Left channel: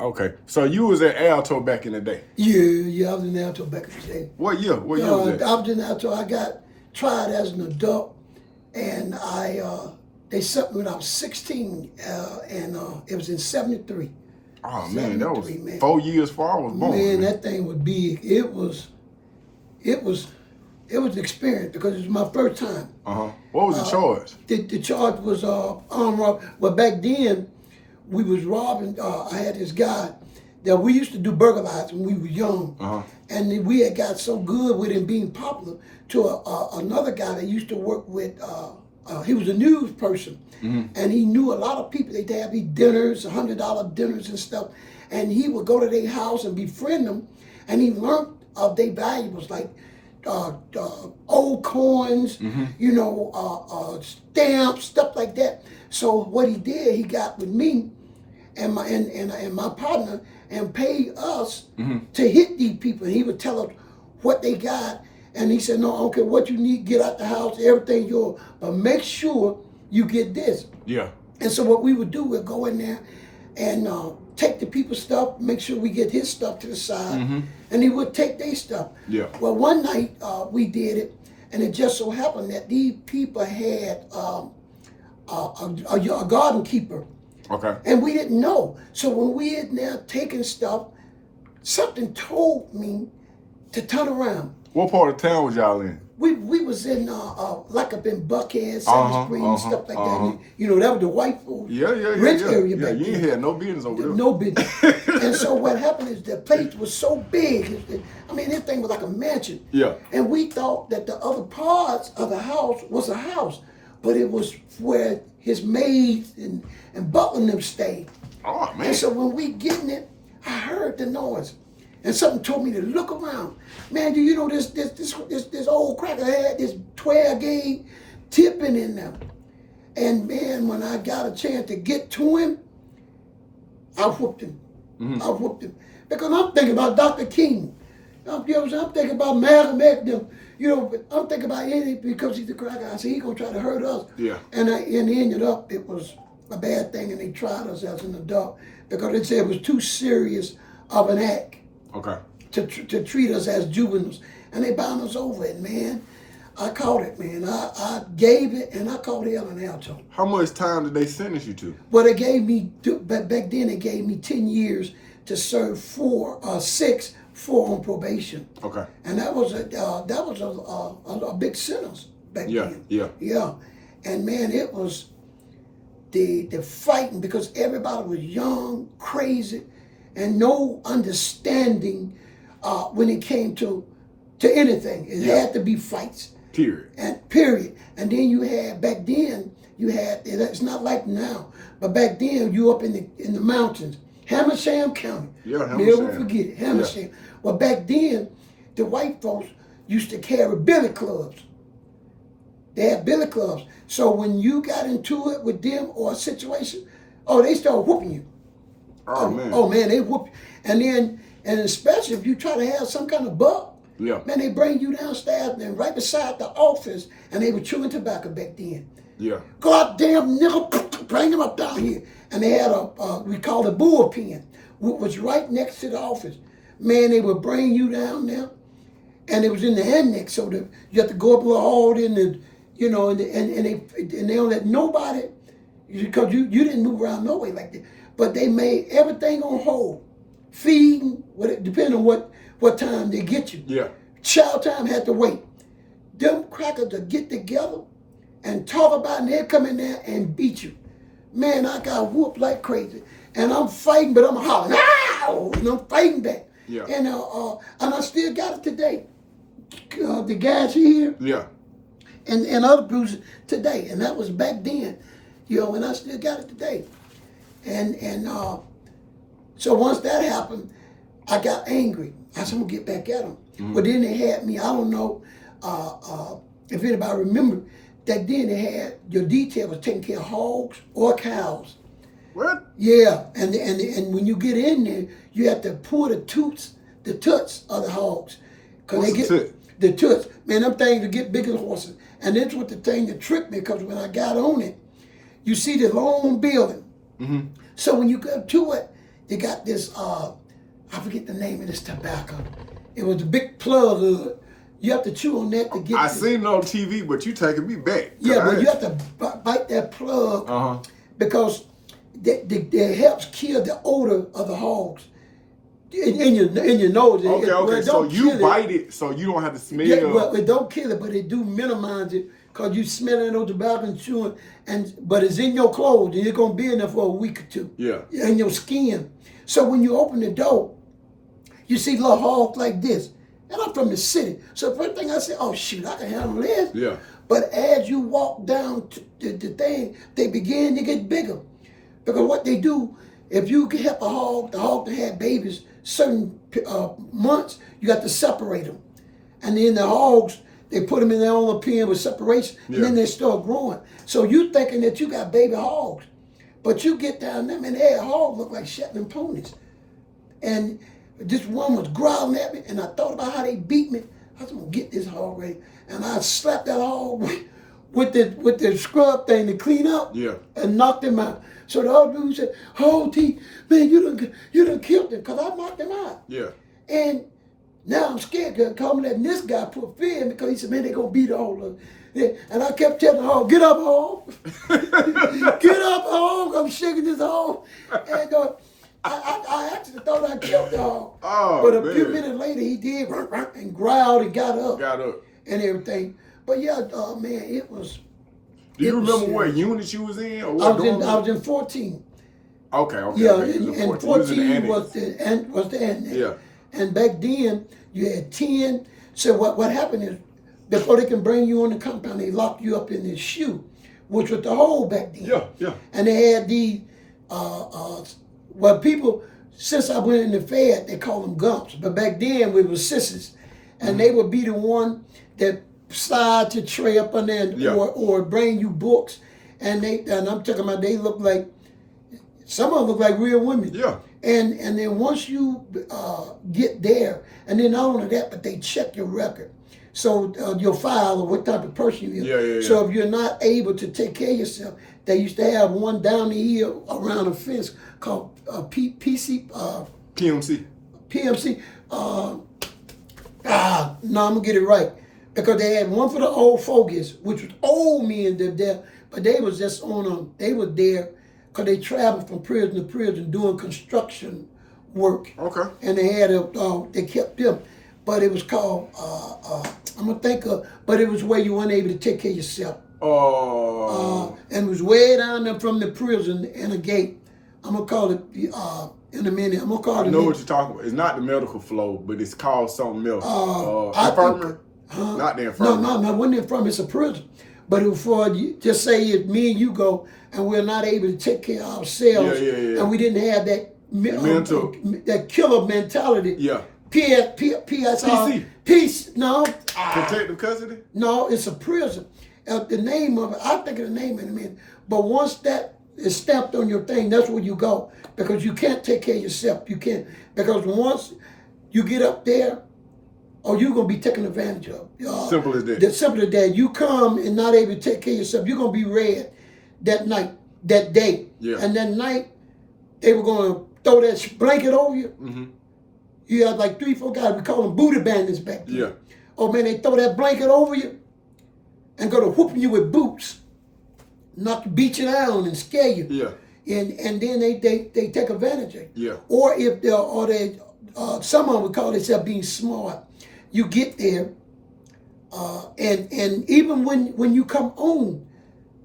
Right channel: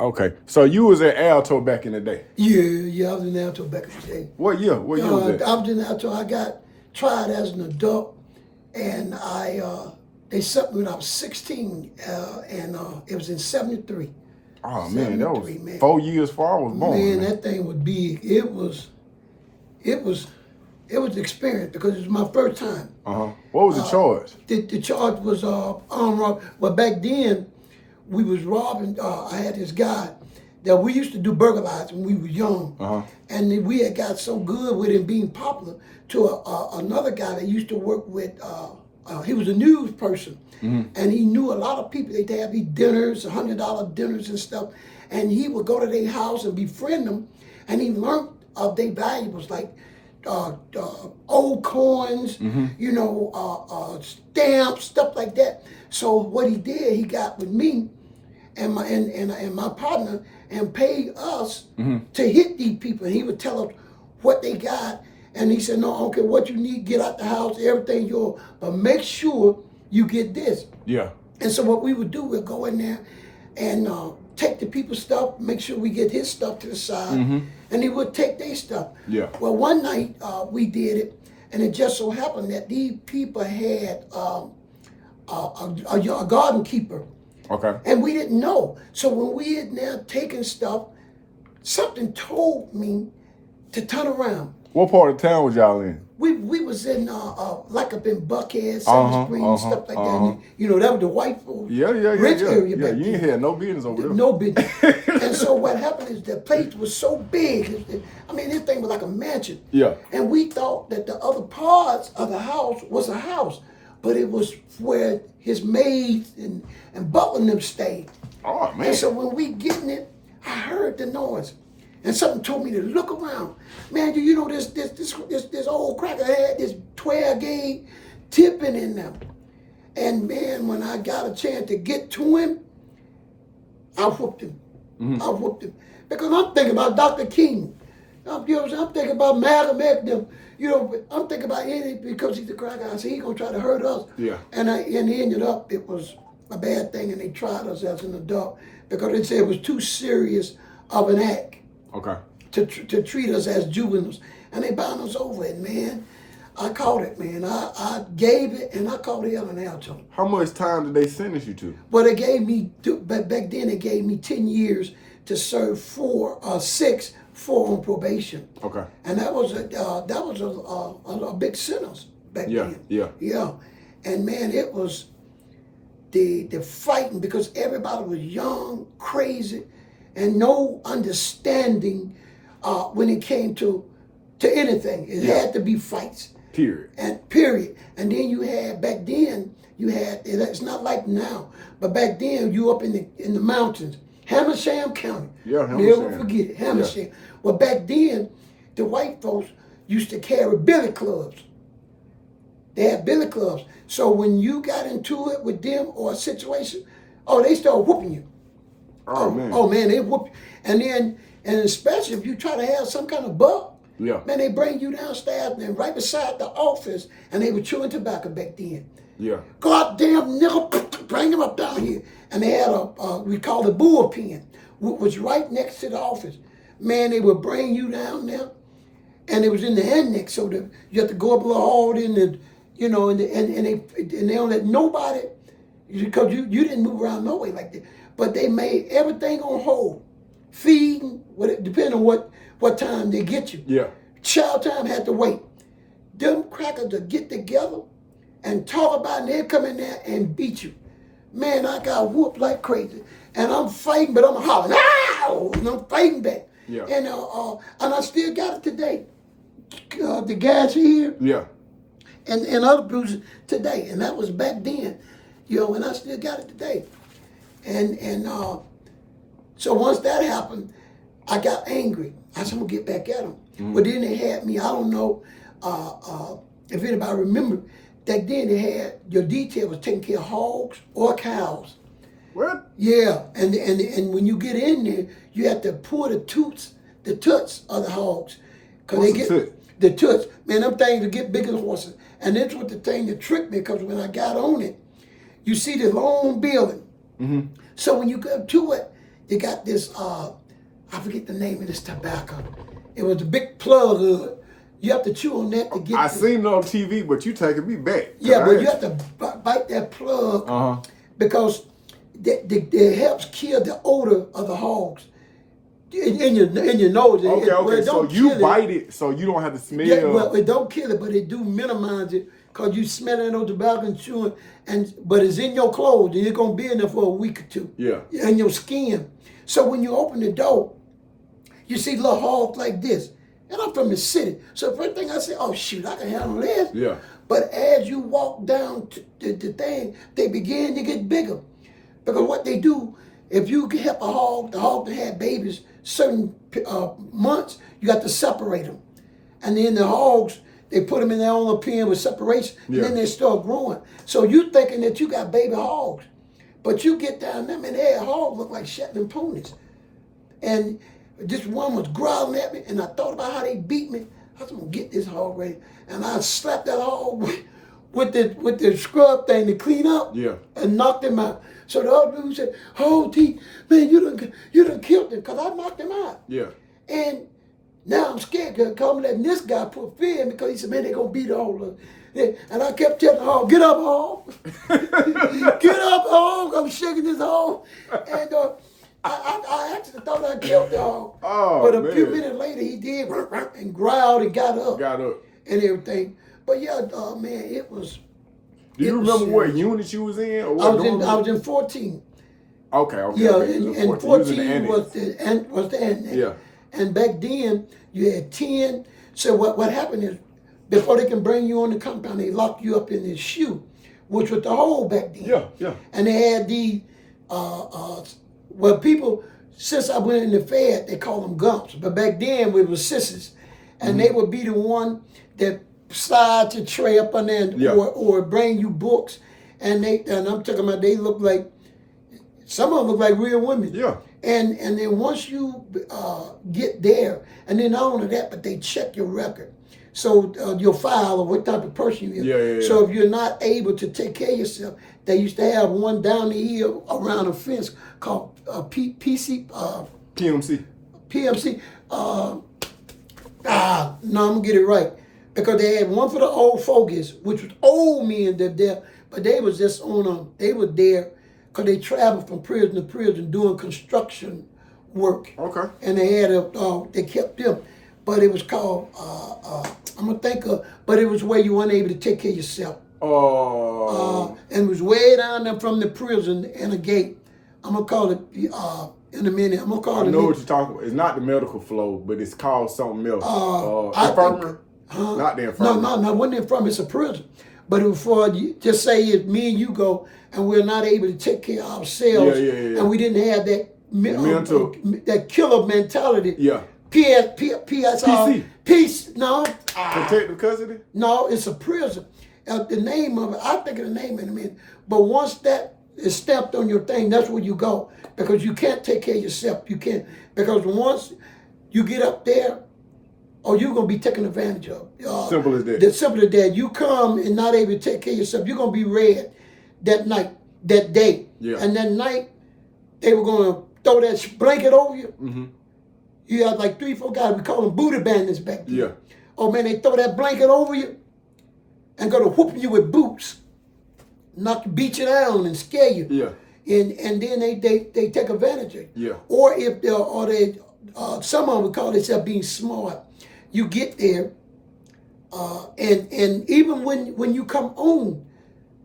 Okay. So you was at Alto back in the day? Yeah, I was in Alto back in the day. What year? What year was that? I was in Alto. I got tried as an adult, and they sent me when I was 16, and it was in 73. Oh man, that was 4 years before I was born. Man, that thing was big. It was an experience because it was my first time. What was the charge? The charge was armed robbery. Well, back then, we was robbing. I had this guy that we used to do burglarizing when we were young. And we had got so good with him being popular to another guy that used to work with, he was a news person. And he knew a lot of people. They'd have these dinners, $100 dinners and stuff. And he would go to their house and befriend them. And he learned of their valuables, like old coins, you know, stamps, stuff like that. So what he did, he got with me and my partner and paid us to hit these people. And he would tell us what they got. And he said, no, I don't care what you need, get out the house, everything yours, but make sure you get this. Yeah. And so what we would do, we'd go in there and take the people's stuff, make sure we get his stuff to the side, and he would take their stuff. Yeah. Well, one night we did it, and it just so happened that these people had a garden keeper. Okay. And we didn't know. So when we had now taken stuff, something told me to turn around. What part of town was y'all in? We was in like up in Buckhead, South Spring, stuff like that. And, you know, that was the white folks rich area back you then. ain't had no business over there. No business. And so what happened is the place was so big. I mean, this thing was like a mansion. Yeah. And we thought that the other parts of the house was a house, but it was where his maids and butler and them stayed. Oh man. And so when we get in it, I heard the noise. And something told me to look around. Man, do you know this old cracker had this 12 gauge tipping in them. And man, when I got a chance to get to him, I whooped him. I whooped him. Because I'm thinking about Dr. King. You know what I'm saying? I'm thinking about Malcolm X. You know, I'm thinking about Eddie because he's the cracker. I said, he's going to try to hurt us. Yeah. And it ended up, it was a bad thing, and they tried us as an adult because they said it was too serious of an act. Okay. To treat us as juveniles. And they bound us over it, man. I caught it, man. I gave it, and I caught hell in Alto. How much time did they sentence you to? Well, they gave me, back then they gave me 10 years to serve 4 on probation. Okay. And that was a big sentence back then. Yeah. And man, it was the fighting because everybody was young, crazy, and no understanding when it came to anything. It had to be fights. Period. And then you had, back then, it's not like now, but back then you up in the mountains, Hamersham County. Yeah, Hamersham. Never forget it, Hamersham. Yeah. Well, back then, the white folks used to carry billy clubs. They had billy clubs. So when you got into it with them or a situation, they started whooping you. Oh man, they whoop you. And especially if you try to have some kind of buck, man, they bring you downstairs and right beside the office, and they were chewing tobacco back then. Yeah. Goddamn nigga, bring them up down here. And they had we called a bullpen, which was right next to the office. Man, they would bring you down there, and it was in the annex, so you have to go up a little hard in the, you know, and they don't let nobody, because you didn't move around no way like that. But they made everything on hold, feeding, depending on what time they get you. Yeah. Child time had to wait. Them crackers to get together and talk about it, and they'd come in there and beat you. Man, I got whooped like crazy. And I'm fighting, but I'm hollering, ow! And I'm fighting back. Yeah. And I still got it today. The guys here. Yeah. And other bruises today. And that was back then. You know, and I still got it today. And so once that happened, I got angry. I said, I'm going to get back at them. But then they had me, I don't know if anybody remember, back then they had, your detail was taking care of hogs or cows. What? Yeah, and when you get in there, you have to pull the toots of the hogs. Cause What's they get the toot? The toots. Man, them things will get bigger than horses. And that's what the thing that tricked me, because when I got on it, you see the long building. So when you go to it, they got this, I forget the name of this tobacco. It was a big plug hood. You have to chew on that to get I seen it on TV, but you taking me back. Yeah, but you have to bite that plug because it helps kill the odor of the hogs in your nose. Okay, well, so you bite it so you don't have to smell. Yeah, well, it don't kill it, but it do minimize it because you smelling those tobacco and chewing, but it's in your clothes and it's going to be in there for a week or two. Yeah. In your skin. So when you open the door, you see little hogs like this. And I'm from the city. So the first thing I say, oh, shoot, I can handle this. Yeah. But as you walk down to the thing, they begin to get bigger. Because what they do, if you can help the hog that had babies certain months, you got to separate them. And then the hogs, they put them in their own pen with separation, and then they start growing. So you thinking that you got baby hogs. But you get down there, and that hog look like Shetland ponies. And this one was growling at me, and I thought about how they beat me. I was gonna get this hog ready, and I slapped that hog with the scrub thing to clean up, and knocked him out. So the other dude said, "Oh, T, man, you done killed him, cause I knocked him out." Yeah. And now I'm scared because I'm letting this guy put fear in because he said, "Man, they gonna beat all of us." And I kept telling the hog, "Get up, hog! Get up, hog! I'm shaking this hog." And I actually thought I killed the hog. Oh, but a few minutes later, he did and growled and got up. And everything. But yeah, man, it was. Do you remember what unit you was in? Or I was in 14. Okay. Yeah, and 14 was the annex. Yeah. And back then, you had 10. So what happened is, before they can bring you on the compound, they lock you up in this shoe, which was the hole back then. Yeah. And they had these, people, since I went in the Fed, they call them gumps. But back then, we were sissies. And they would be the one that slide to tray up on there or bring you books. And I'm talking about, they look like, some of them look like real women. Yeah. And then once you get there, and then not only that, but they check your record. So your file or what type of person you are. Yeah. So if you're not able to take care of yourself, they used to have one down the hill around a fence called PMC. No, I'm gonna get it right. Because they had one for the old fogies, which was old men that there, but they was just they were there because they traveled from prison to prison doing construction work. Okay. And they had they kept them. But it was called, I'm gonna think of, but it was where you weren't able to take care of yourself. Oh. And it was way down there from the prison in a gate. I'm gonna call it in a minute. I'm gonna call it. I know what you're talking about. It's not the medical flow, but it's called something else. Infirmary. Not the infirmary. No, it wasn't the infirmary. It's a prison. But it was for just say if me and you go and we're not able to take care of ourselves, and we didn't have that that killer mentality. Yeah. PSR. Peace. No. Protective custody? No, it's a prison. The name of it, I'll think of the name in a minute. But once that is stamped on your thing, that's where you go. Because you can't take care of yourself. You can't. Because once you get up there, you're going to be taken advantage of. Simple as that. Simple as that. You come and not able to take care of yourself, you're going to be read that night, that day. Yeah. And that night, they were going to throw that blanket over you. Mm-hmm. You had like 3-4 guys, we call them booty bandits back then. Yeah. Oh man, they throw that blanket over you and go to whooping you with boots. Beat you down and scare you. Yeah. And then they take advantage of you. Yeah. Or if some of them would call themselves being smart. You get there, and even when you come on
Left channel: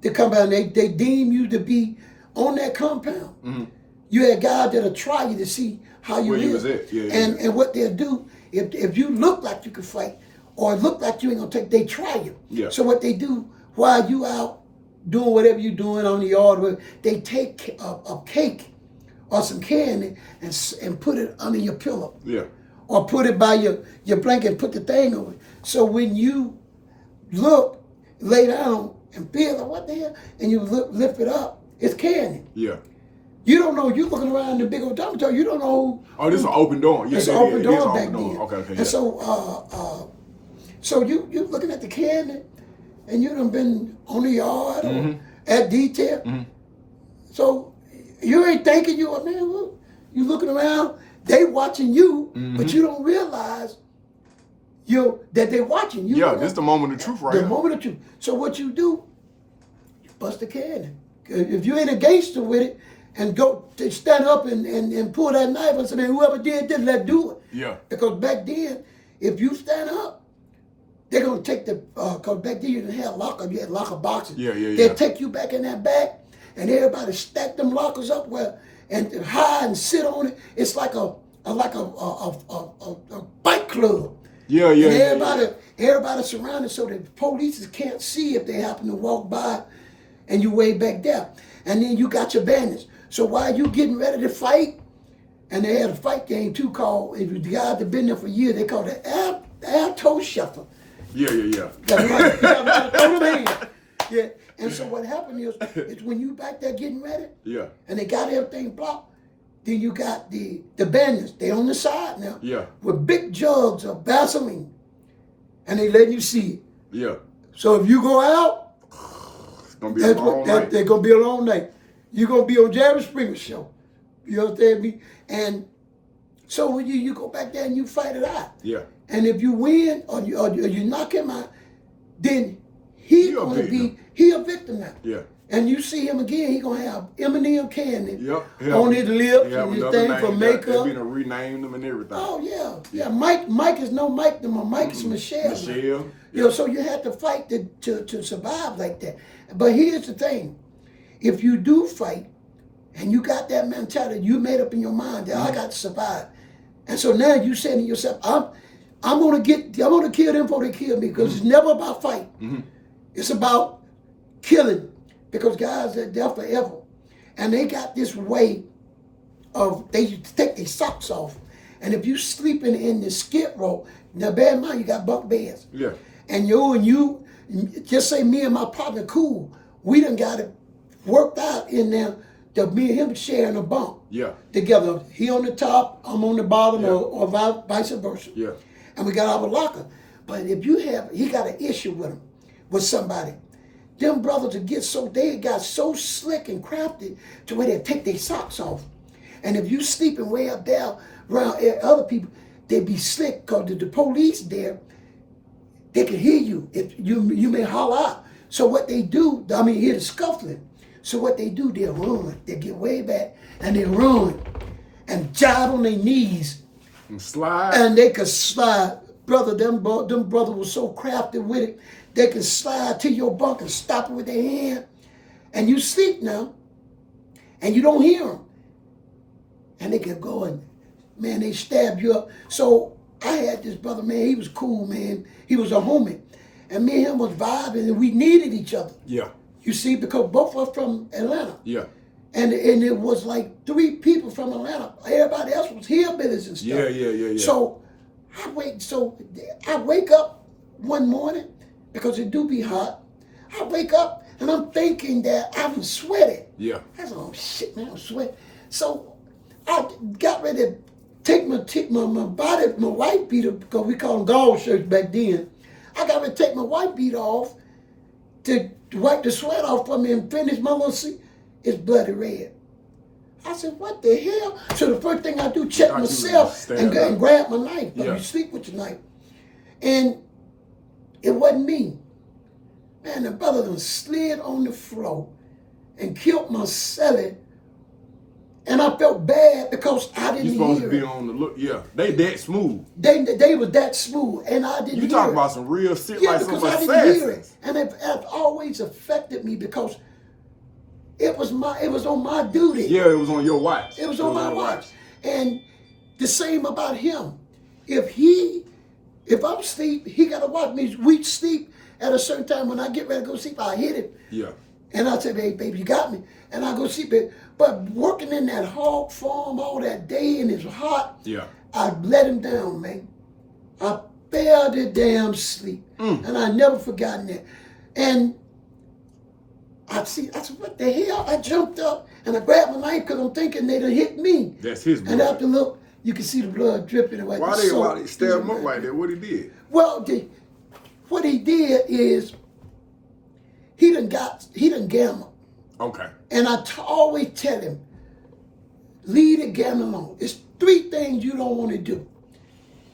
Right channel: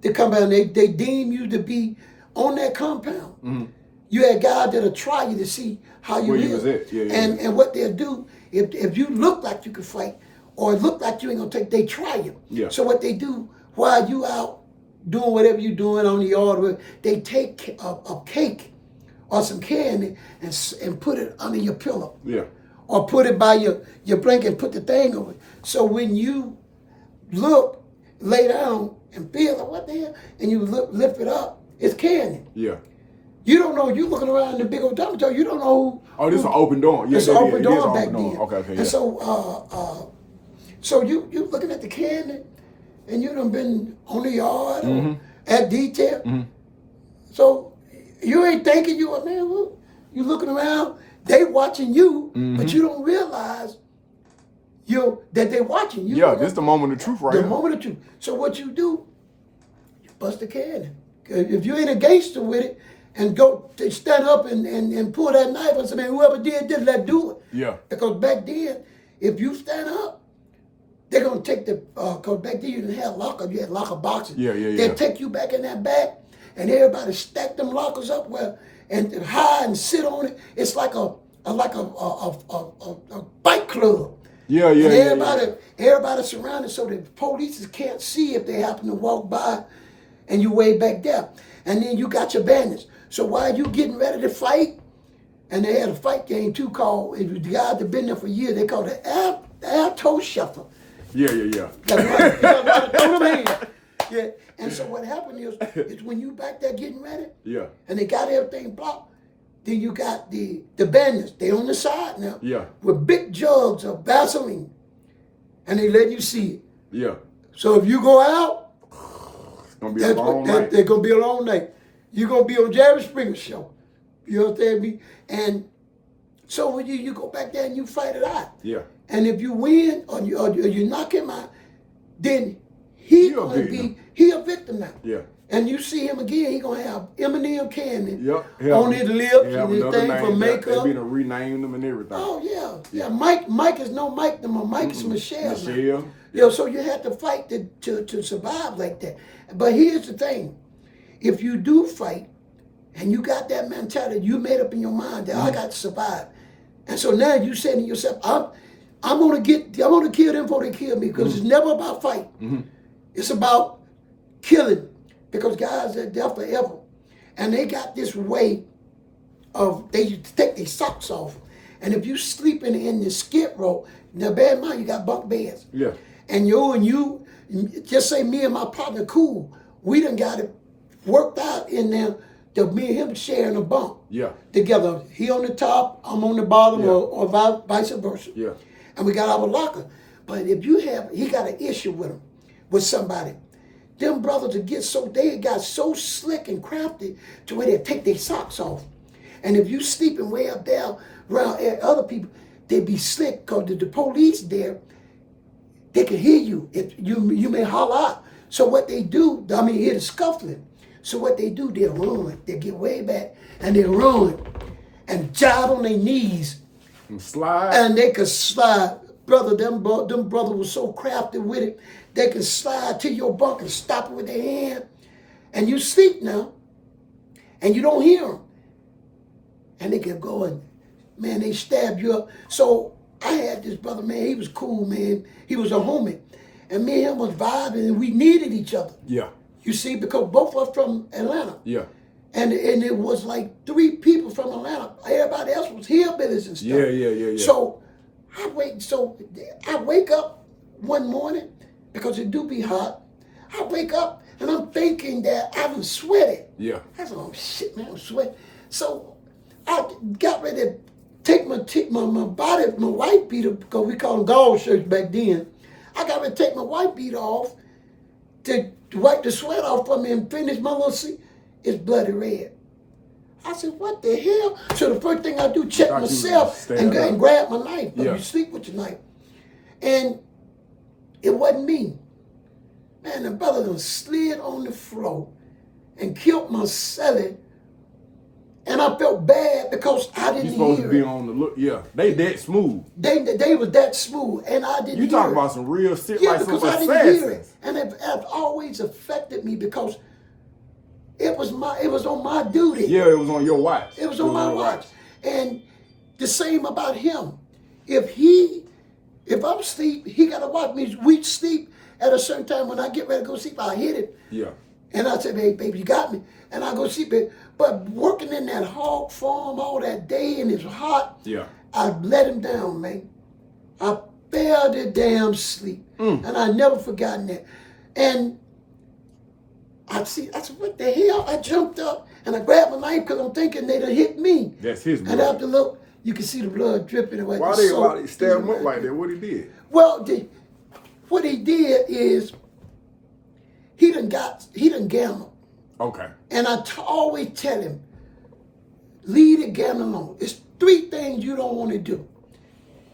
the compound, they deem you to be on that compound. Mm-hmm. You had guys that'll try you to see how you live. And what they'll do, if you look like you can fight or look like you ain't gonna take, they try you. Yeah. So what they do while you out doing whatever you're doing on the yard, they take a cake or some candy and put it under your pillow. Yeah. Or put it by your blanket and put the thing over it. So when you look, lay down and feel like what the hell, and you lift it up, it's candy. Yeah. You don't know, you're looking around the big old dormitory, you don't know who. This is an open door. It's an open door back then. Okay. And so you looking at the candy, and you done been on the yard or at detail. Mm-hmm. So you ain't thinking man, You looking around, they watching you, but you don't realize that they're watching you. Yeah, this the moment of truth right The here. moment of truth. So what you do, you bust the cannon. If you ain't a gangster with it, and go to stand up and pull that knife and say, man, whoever did this, let's do it. Yeah. Because back then, if you stand up, they're going to take because back then you didn't have locker, you had locker boxes. Yeah. They'll take you back in that bag, and everybody stack them lockers up and hide and sit on it. It's like a bike club. Yeah. And everybody surrounded so the police can't see if they happen to walk by and you way back there. And then you got your bandits. So while you getting ready to fight, and they had a fight game too called, if the guys that been there for years, they called it air toe shuffle. Yeah. That's right. You gotta throw them hands. Yeah. And so what happened is when you back there getting ready, and they got everything blocked, then you got the bandits. They on the side now, with big jugs of Vaseline, and they letting you see it. Yeah. So if you go out, it's gonna be a long night. They're gonna be a long night. You're gonna be on Jerry Springer's show. You understand me? And so when you go back there and you fight it out. Yeah. And if you win or you knock him out, then he a victim now. Yeah. And you see him again, he gonna have M&M candy Yeah. on his lips and his thing for makeup. They done renamed them and everything. Oh yeah. Mike is no Mike no more. Mike is Michelle. Michelle. Yeah. So you have to fight to survive like that. But here's the thing: if you do fight, and you got that mentality, you made up in your mind that I got to survive, and so now you saying to yourself, I'm gonna kill them before they kill me, because it's never about fight. It's about killing, because guys are there forever, and they got this way of they take their socks off, and if you sleeping in the skid row, now bear in mind you got bunk beds. Yeah. And you just say me and my partner cool, we done got it worked out in there. Me and him sharing a bunk together. He on the top, I'm on the bottom, or vice versa. Yeah. And we got our locker. But if he got an issue with somebody, them brothers they got so slick and crafty to where they take their socks off. And if you sleeping way up there around other people, they be slick, because the police there, they can hear you. If you may holler out. So what they do, hear the scuffling. So what they do, they'll run. They get way back and they run and jive on their knees. And slide. And they could slide. Brother, them brothers were so crafty with it. They could slide to your bunk and stop it with their hand. And you sleep now. And you don't hear them. And they can go and, man, they stab you up. So I had this brother, man, he was cool, man. He was a homie. And me and him was vibing, and we needed each other. Yeah. You see, because both of us from Atlanta. Yeah. And it was like 3 people from Atlanta. Everybody else was hillbillies and stuff. Yeah. So I wake up one morning, because it do be hot. I wake up and I'm thinking that I was sweating. Yeah. I said, oh shit, man, I'm sweating. So I got ready to take my body, my white beater, because we call them gauze shirts back then. I got ready to take my white beater off to wipe the sweat off from me and finish my little seat. It's bloody red. I said, what the hell? So the first thing I do, check myself and grab my knife. But you sleep with your knife. And it wasn't me. Man, the brother done slid on the floor and killed my celly. And I felt bad because I didn't hear it. You're supposed to be on the look. Yeah, they that smooth. They was that smooth, and I didn't hear it. You talking about some real shit, yeah, like because some I didn't hear it. And it always affected me, because it was on my duty. Yeah, it was on your watch. It was on my watch. And the same about him. If I'm asleep, he got to watch me. We sleep at a certain time. When I get ready to go sleep, I hit it. Yeah. And I say, hey, baby, you got me. And I go sleep. But working in that hog farm all that day, and it's hot, I let him down, man. I fell to damn sleep. And I never forgotten that. And I said, what the hell? I jumped up and I grabbed my knife, because I'm thinking they'd have hit me. That's his blood. And after look, you can see the blood dripping away. Why they stabbed him up like that? What he did? Well, what he did is he done gambled. Okay. And I always tell him, leave the gambling alone. It's 3 things you don't want to do.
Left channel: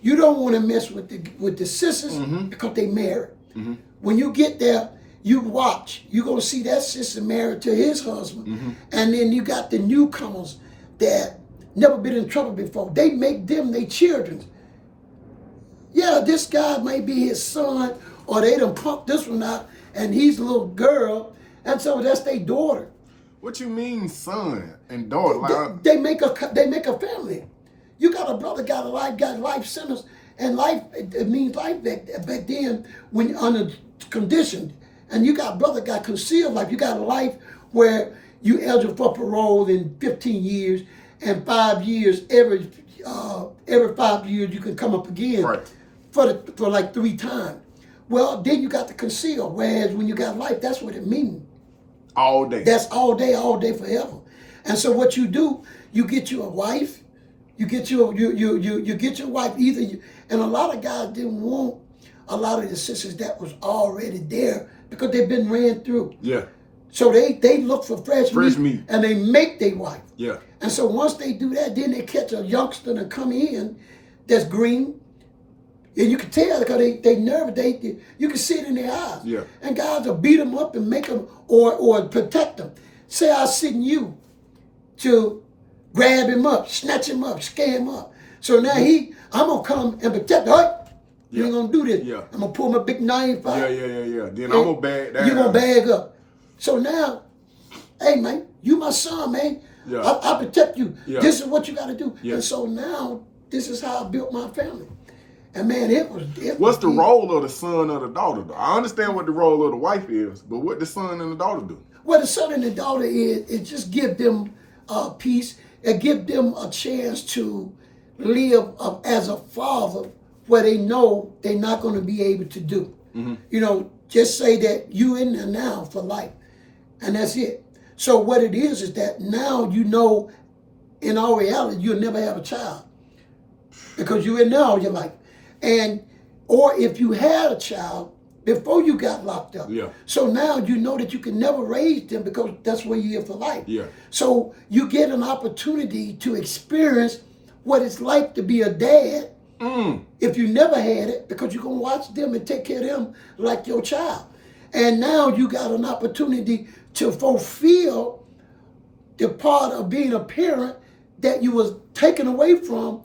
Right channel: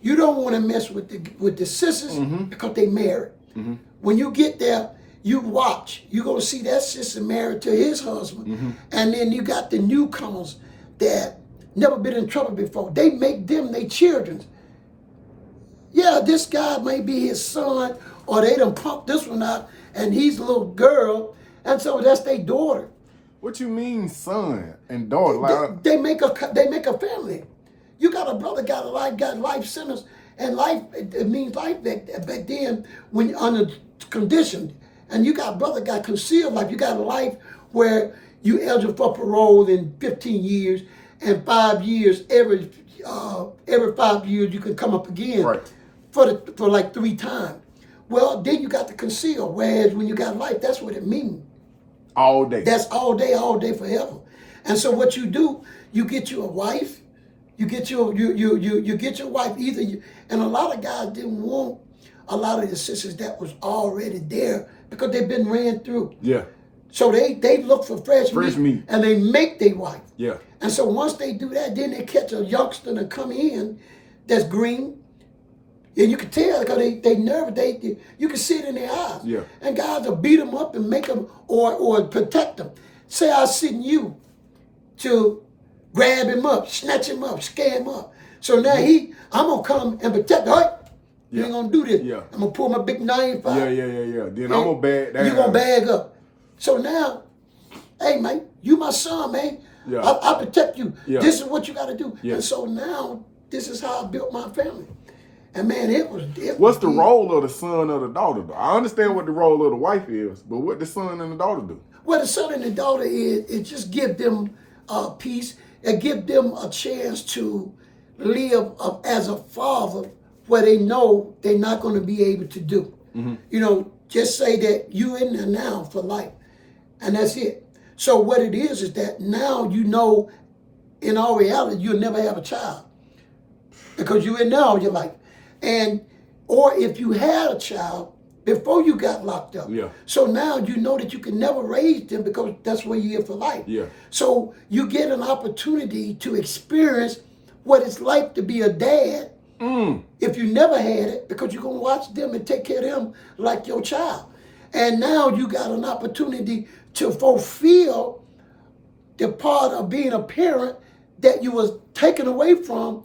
You don't want to mess with the sisters because they married. When you get there, you watch. You're going to see that sister married to his husband. And then you got the newcomers that never been in trouble before. They make them their children. Yeah, this guy may be his son, or they done pumped this one out, and he's a little girl, and so that's their daughter. What you mean, son and daughter? Like, They make a family. You got a brother got life sentence, and life it means life back then when you're under condition, and you got brother got concealed life. You got a life where you eligible for parole in 15 years, and 5 years every 5 years you can come up again for like 3 times. Well, then you got the conceal. Whereas when you got life, that's what it means. all day. That's all day forever. And so what you do, you get you a wife. You get you get your wife and a lot of guys didn't want a lot of the sisters that was already there because they've been ran through. Yeah. So they look for fresh meat and they make their wife. Yeah. And so once they do that, then they catch a youngster to come in that's green. And you can tell because they nervous. You can see it in their eyes. Yeah. And guys will beat them up and make them or protect them. Say I send you to grab him up, snatch him up, scare him up. So now I'm gonna come and protect him. Hey, you ain't gonna do this. Yeah. I'm gonna pull my big knife out. Yeah. Then I'm gonna bag down. You gonna bag up. So now, hey man, you my son, man. Yeah. I protect you. Yeah. This is what you gotta do. Yeah. And so now, this is how I built my family. And man, it was What's the role of the son or the daughter, though? I understand what the role of the wife is, but what the son and the daughter do? Well, the son and the daughter is just give them peace and give them a chance to live as a father where they know they're not going to be able to do. You know, just say that you in there now for life, and that's it. So what it is that now you know, in all reality, you'll never have a child because you're in there all your life. Or if you had a child before you got locked up. Yeah. So now you know that you can never raise them because that's where you're here for life. Yeah. So you get an opportunity to experience what it's like to be a dad if you never had it because you're going to watch them and take care of them like your child. And now you got an opportunity to fulfill the part of being a parent that you was taken away from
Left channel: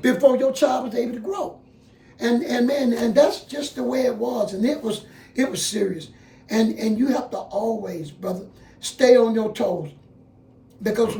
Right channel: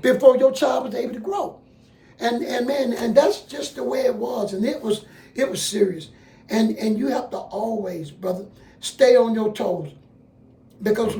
before your child was able to grow. And man, and that's just the way it was, and it was serious. And you have to always, brother, stay on your toes. Because